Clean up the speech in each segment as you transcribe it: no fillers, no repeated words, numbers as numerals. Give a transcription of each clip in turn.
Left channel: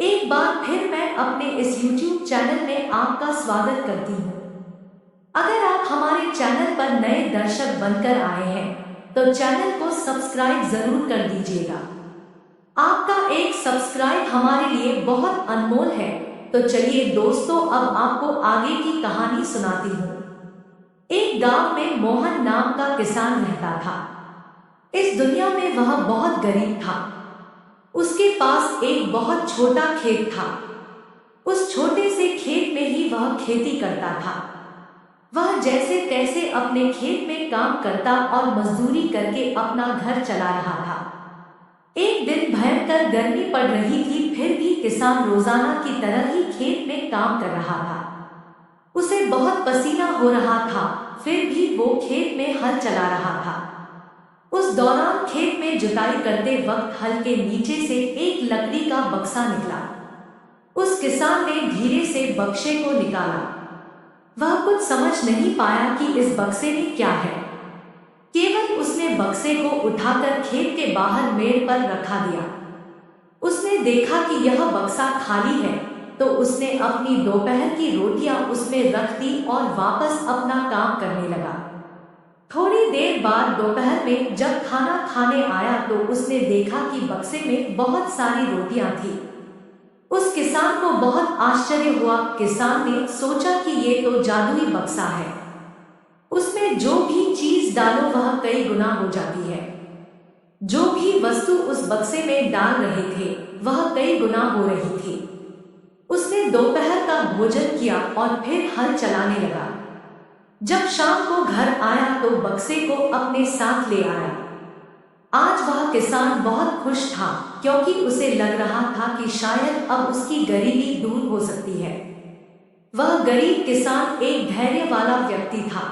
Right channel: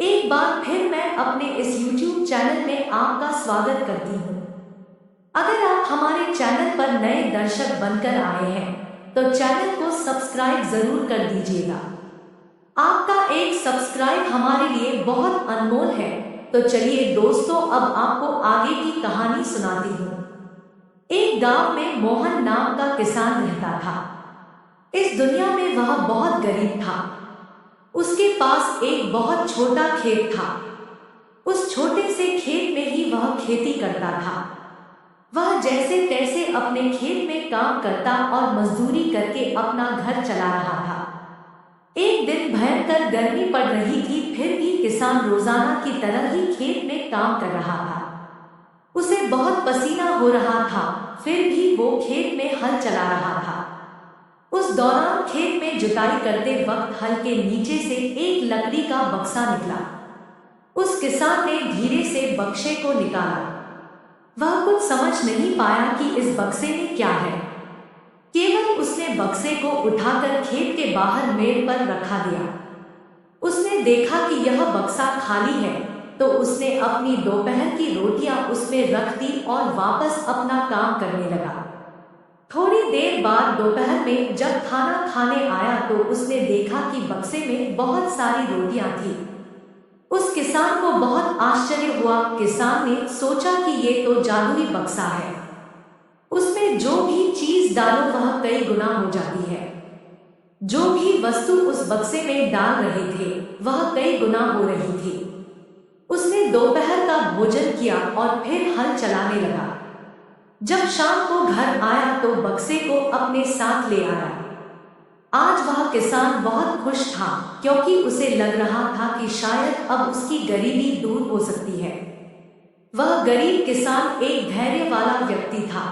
एक बार फिर मैं अपने इस YouTube चैनल में आपका स्वागत करती हूँ। अगर आप हमारे चैनल पर नए दर्शक बनकर आए हैं, तो चैनल को सब्सक्राइब जरूर कर दीजिएगा। आपका एक सब्सक्राइब हमारे लिए बहुत अनमोल है। तो चलिए दोस्तों, अब आपको आगे की कहानी सुनाती हूँ। एक गांव में मोहन नाम का किसान रहता था। इस दुनिया में वह बहुत गरीब था। उसके पास एक बहुत छोटा खेत था। उस छोटे से खेत में ही वह खेती करता था। वह जैसे तैसे अपने खेत में काम करता और मजदूरी करके अपना घर चला रहा था। एक दिन भयंकर गर्मी पड़ रही थी, फिर भी किसान रोजाना की तरह ही खेत में काम कर रहा था। उसे बहुत पसीना हो रहा था, फिर भी वो खेत में हल चला रहा था। उस दौरान खेत में जुताई करते वक्त हल के नीचे से एक लकड़ी का बक्सा निकला। उस किसान ने धीरे से बक्से को निकाला। वह कुछ समझ नहीं पाया कि इस बक्से में क्या है। केवल उसने बक्से को उठाकर खेत के बाहर मेड़ पर रखा दिया। उसने देखा कि यह बक्सा खाली है, तो उसने अपनी दोपहर की रोटियां उसमें रख दी और वापस अपना काम करने लगा। थोड़ी देर बाद दोपहर में जब खाना खाने आया, तो उसने देखा कि बक्से में बहुत सारी रोटियां थी। उस किसान को बहुत आश्चर्य हुआ। किसान ने सोचा कि ये तो जादुई बक्सा है। उसमें जो भी चीज डालो वह कई गुना हो जाती है। जो भी वस्तु उस बक्से में डाल रहे थे, वह कई गुना हो रही थी। उसने दोपहर का भोजन किया और फिर हल चलाने लगा। जब शाम को घर आया तो बक्से को अपने साथ ले आया। आज वह किसान बहुत खुश था, क्योंकि उसे लग रहा था कि शायद अब उसकी गरीबी दूर हो सकती है। वह गरीब किसान एक धैर्य वाला व्यक्ति था।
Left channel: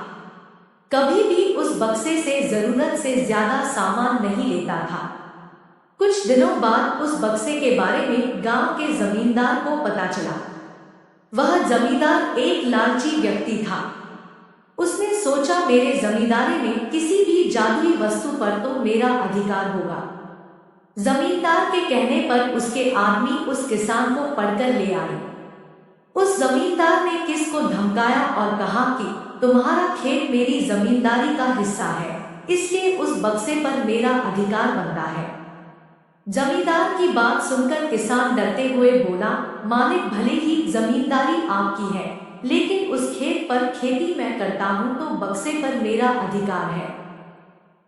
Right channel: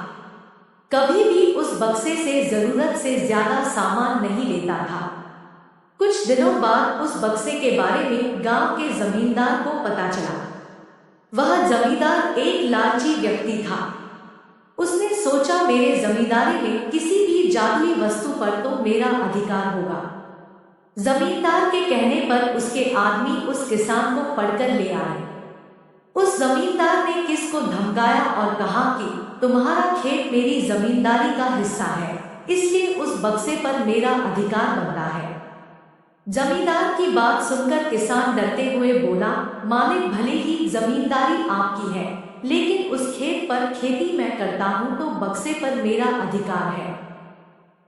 कभी भी उस बक्से से जरूरत से ज्यादा सामान नहीं लेता था। कुछ दिनों बाद उस बक्से के बारे में गांव के जमींदार को पता चला। वह जमींदार एक लालची व्यक्ति था। उसने सोचा, मेरे जमींदारी में किसी भी जादुई वस्तु पर तो मेरा अधिकार होगा। जमींदार के कहने पर उसके आदमी उस किसान को पकड़कर ले आए। उस जमींदार ने किस को धमकाया और कहा कि तुम्हारा खेत मेरी जमींदारी का हिस्सा है, इसलिए उस बक्से पर मेरा अधिकार बनता है। जमींदार की बात सुनकर किसान डरते हुए बोला, मालिक, भले ही जमींदारी आपकी है, लेकिन उस खेत पर खेती मैं करता हूं, तो बक्से पर मेरा अधिकार है।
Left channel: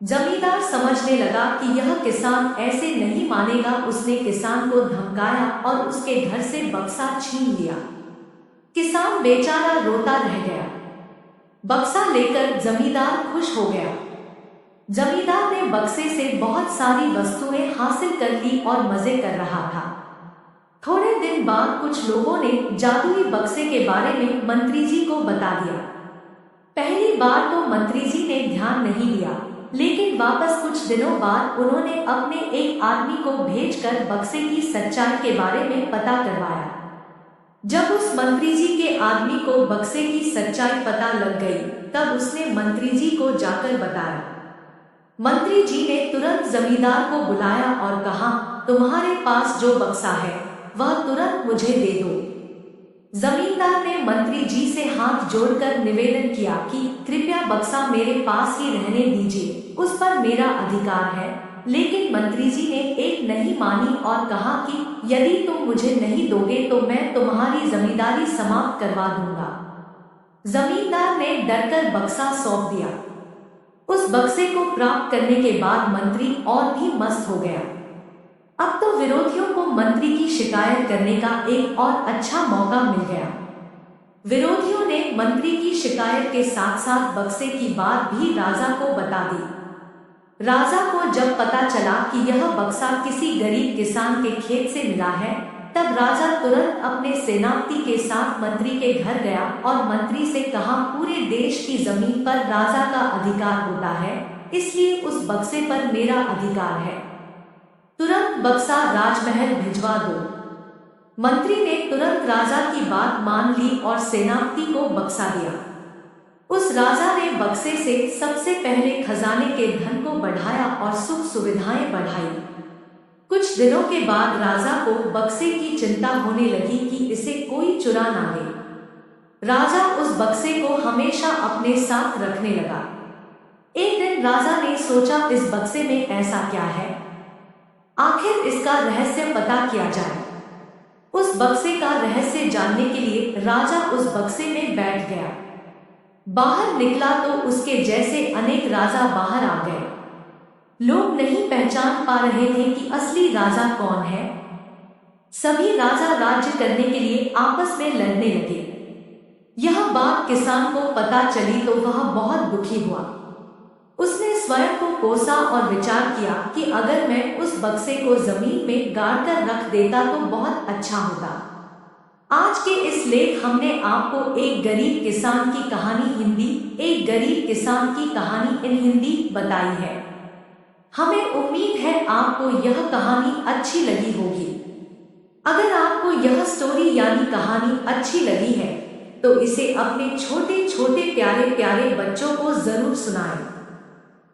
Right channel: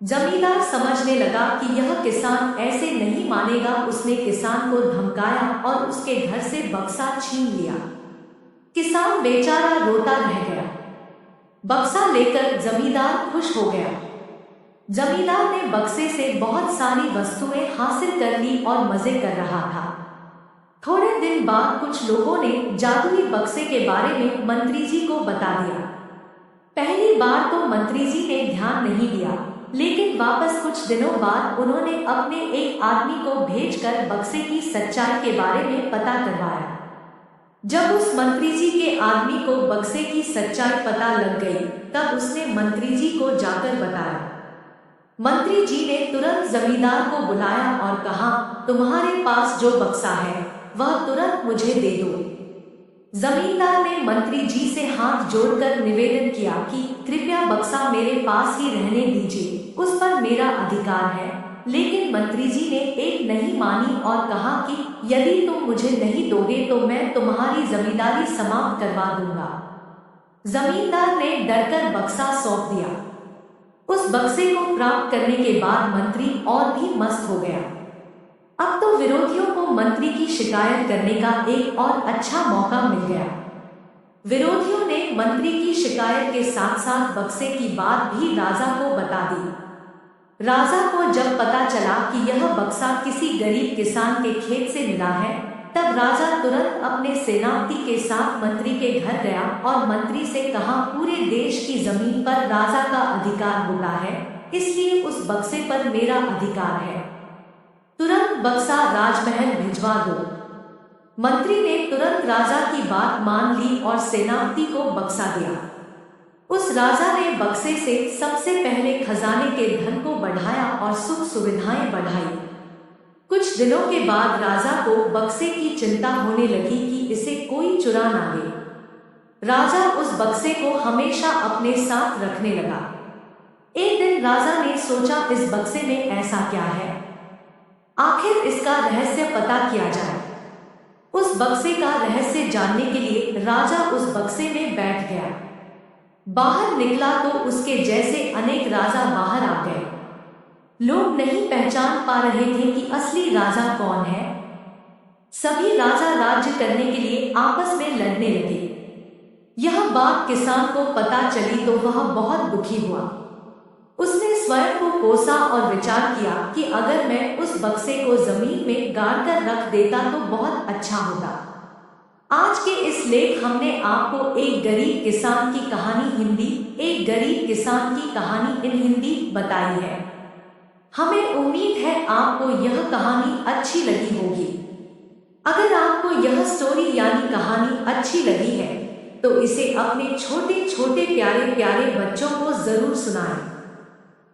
जमींदार समझने लगा कि यह किसान ऐसे नहीं मानेगा। उसने किसान को धमकाया और उसके घर से बक्सा छीन लिया। किसान बेचारा रोता रह गया। बक्सा लेकर जमींदार खुश हो गया। जमींदार ने बक्से से बहुत सारी वस्तुएं हासिल कर ली और मजे कर रहा था। थोड़े दिन बाद कुछ लोगों ने जादुई बक्से के बारे में मंत्री जी को बता दिया। पहली बार तो मंत्री जी ने ध्यान नहीं दिया, लेकिन वापस कुछ दिनों बाद उन्होंने अपने एक आदमी को भेजकर बक्से की सच्चाई के बारे में पता करवाया। जब उस मंत्री जी के आदमी को बक्से की सच्चाई पता लग गई, तब उसने मंत्री जी को जाकर बताया। मंत्री जी ने तुरंत जमींदार को बुलाया और कहा, तुम्हारे पास जो बक्सा है वह तुरंत मुझे दे दो। जमींदार ने मंत्री जी से हाथ जोड़कर निवेदन किया कि कृपया बक्सा मेरे पास ही रहने दीजिए, उस पर मेरा अधिकार है। लेकिन मंत्री जी ने एक नहीं मानी और कहा कि यदि तुम मुझे नहीं दोगे तो मैं तुम्हारी जमींदारी समाप्त करवा दूंगा। जमींदार ने डरकर बक्सा सौंप दिया। उस बक्से को प्राप्त करने के बाद मंत्री और भी मस्त हो गया। अब तो विरोधियों को मंत्री की शिकायत करने का एक और अच्छा मौका मिल गया। विरोधियों ने मंत्री की शिकायत के साथ साथ बक्से की बात भी राजा को बता दी। राजा को जब पता चला कि यह बक्सा किसी गरीब किसान के खेत से मिला है, तब राजा तुरंत अपने सेनापति के साथ मंत्री के घर गया और मंत्री से कहा, पूरे देश की जमीन पर राजा का अधिकार होता है, इसलिए उस बक्से पर मेरा अधिकार है। तुरंत बक्सा राजमहल भिजवा दो। मंत्री ने तुरंत राजा की बात मान ली और सेनापति को बक्सा दिया। उस राजा ने बक्से से सबसे पहले खजाने के धन को बढ़ाया और सुख सुविधाएं बढ़ाई। कुछ दिनों के बाद राजा को बक्से की चिंता होने लगी कि इसे कोई चुरा ना ले। राजा उस बक्से को हमेशा अपने साथ रखने लगा। एक दिन राजा ने सोचा, इस बक्से में ऐसा क्या है, आखिर इसका रहस्य पता किया जाए। उस बक्से का रहस्य जानने के लिए राजा उस बक्से में बैठ गया। बाहर निकला तो उसके जैसे अनेक राजा बाहर आ गए। लोग नहीं पहचान पा रहे थे कि असली राजा कौन है। सभी राजा राज्य करने के लिए आपस में लड़ने लगे। यह बात किसान को पता चली तो वह बहुत दुखी हुआ। उसने स्वयं को कोसा और विचार किया कि अगर मैं उस बक्से को जमीन में गाड़ कर रख देता तो बहुत अच्छा होता। आज के इस लेख हमने आपको एक गरीब किसान की कहानी इन हिंदी बताई है। हमें उम्मीद है आपको यह कहानी अच्छी लगी होगी। अगर आपको यह स्टोरी यानी कहानी अच्छी लगी है तो इसे अपने छोटे छोटे प्यारे प्यारे बच्चों को जरूर सुनाएं।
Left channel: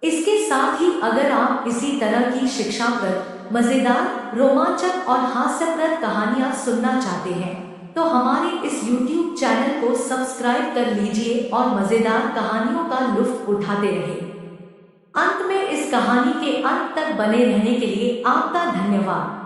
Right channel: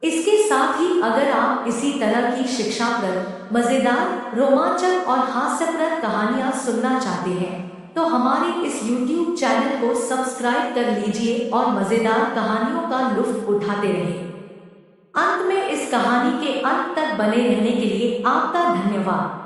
इसके साथ ही अगर आप इसी तरह की शिक्षाप्रद, मजेदार, रोमांचक और हास्यप्रद कहानियां सुनना चाहते हैं तो हमारे इस YouTube चैनल को सब्सक्राइब कर लीजिए और मजेदार कहानियों का लुत्फ उठाते रहें। अंत में इस कहानी के अंत तक बने रहने के लिए आपका धन्यवाद।